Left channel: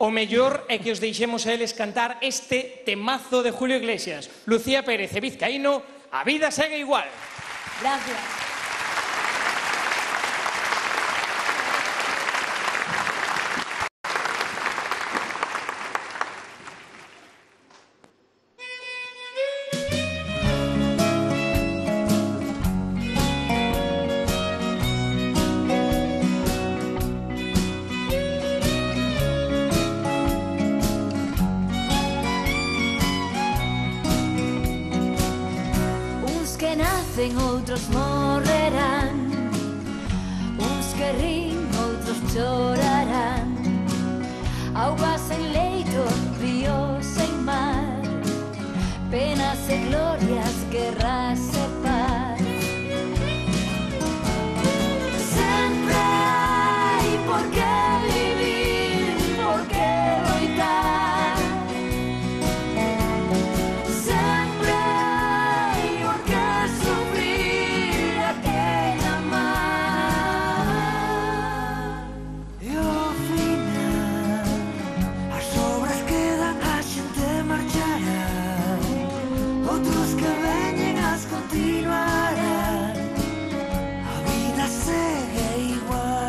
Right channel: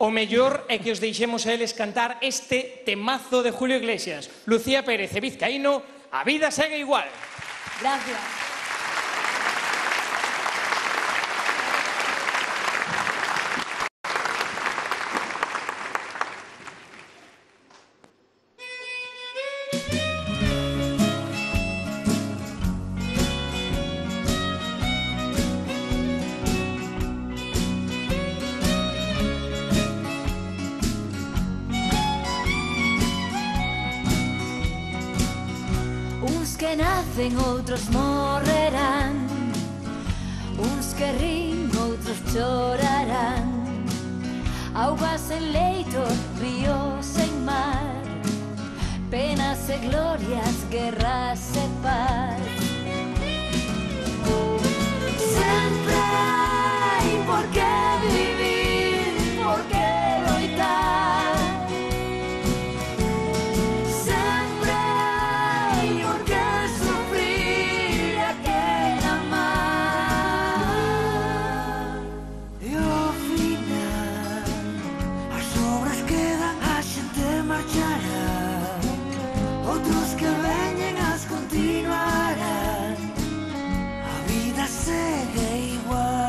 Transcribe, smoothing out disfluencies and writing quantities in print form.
O mellor é que os deixemos a eles cantar este temazo de Julio Iglesias. Lucía Pérez e Vizcaíno, A vida segue igual. Gracias. Que nacen, outros morrerán, uns que rin, outros chorarán. Augas en leito, ríos en mar, penas e glorias, guerras e paz. Sempre hai por que vivir, por que loitar. Outros que veñen as continuarán. A vida segue igual.